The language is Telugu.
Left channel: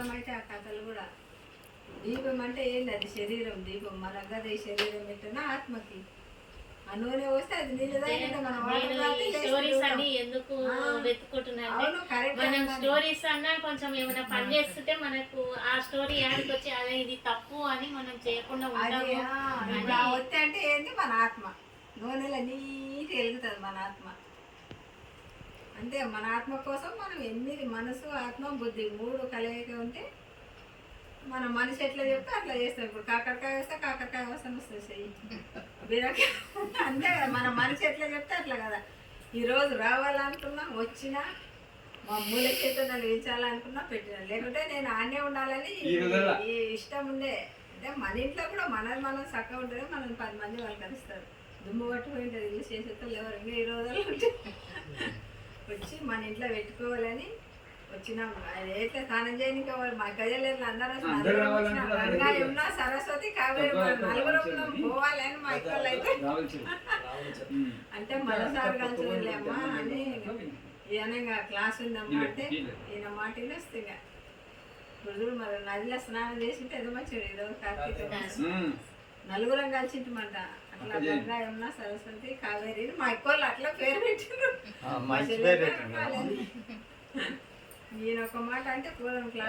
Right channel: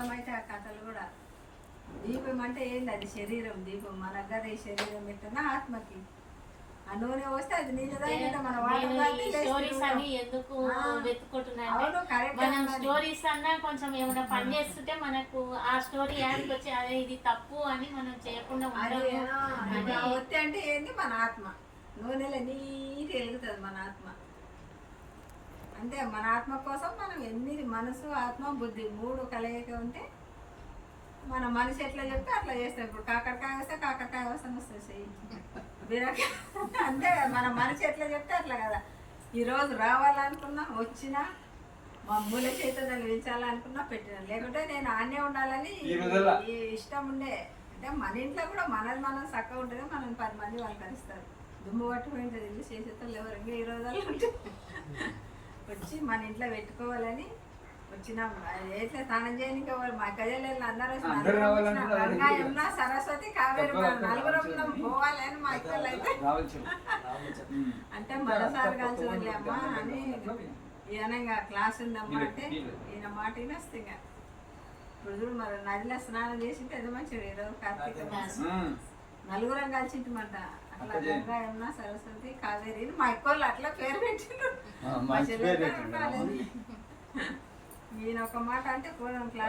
అర్థమైతే ఆ కథలు కూడా. దీపం అంటే ఏంది? అది శరీరం దీపం. మనకు అది శరీరం పెట్టినా ఆత్మకి ఆ నూనె పోస్తే అది నీళ్ళు తాగితే మన స్టోరీస్ అని ఎందుకు వెతుకుంటున్నాను. మనం స్టోరీస్ అన్నా కొంచెం ఏమైనా పని చేస్తుంటే మనకు ఆ స్టోరీ యాడికి వచ్చి అదే ఇది తప్పు అని మనం చేయకుండా ఉంటాము. ఒత్తి అంటే ఏంటి? మన ఆత్మ నూనెలో నీటి వెలుగుతుంది మన ఆత్మ. అంతే, మన ఆత్మ కోసం మనం ఎనిమిది మనసు ఆత్మ బుద్ధి మూడు కలయిక ఉంటే మన మనిషి ఎట్లా చెప్తే అట్లా చేస్తాం. ఇప్పుడు కాకరకాయ వస్తే కాకరకాయ అవసరం వస్తుంది చెయ్యి, బీరకాయ అంతే కదా. మన మనిషి ఎట్లా చెప్తే అట్లా కదా. ఈరోజు రావాలనుకున్నా వచ్చినా, మా మూల చేత నడిపించాలనుకున్నా పెట్టినా, లేకుంటే నేను ఆనే ఉండాలని ఇష్టం ఉండే. అంటే మన ఇంట్లో కూడా మనది మనం చక్కగా ఉంటుంది. మనం 10 మంది వాళ్ళు కలుస్తారు. దుమ్ము పట్టుకుంటుంది ఇల్లు చేసేతో ఎవరు ఇంకా ఈ రోజుల్లో ఉంటే వచ్చి మన ఇంట్లో పెట్టుకోవాలని వచ్చినాం. ఎట్లా స్నానం చేయడానికి మా గజలు అందరూ గంగా యమున సరస్వతి కావేరి నలుగురం పోవాలి అని మా ఇక్కలు అయితే అంటే మరోసారి కలిసి అమ్మా అని ఈయనగా క్లాస్ ఉందమ్మా అంటే ఈయన మాట వస్తే ఇప్పుడు మరి నదిలో స్నానం చేసింటే ఏదో మంచిది. ఈరోజు కార్తీక నలుగురం కలిసింటమంట. అట్లా గంగా యమున సరస్వతి కావేరి మా ఇక్కలు అట్లా పేరు పెట్టిండ్రు. ఈయన ఒక మాట అంటే పూర్వం క్లాస్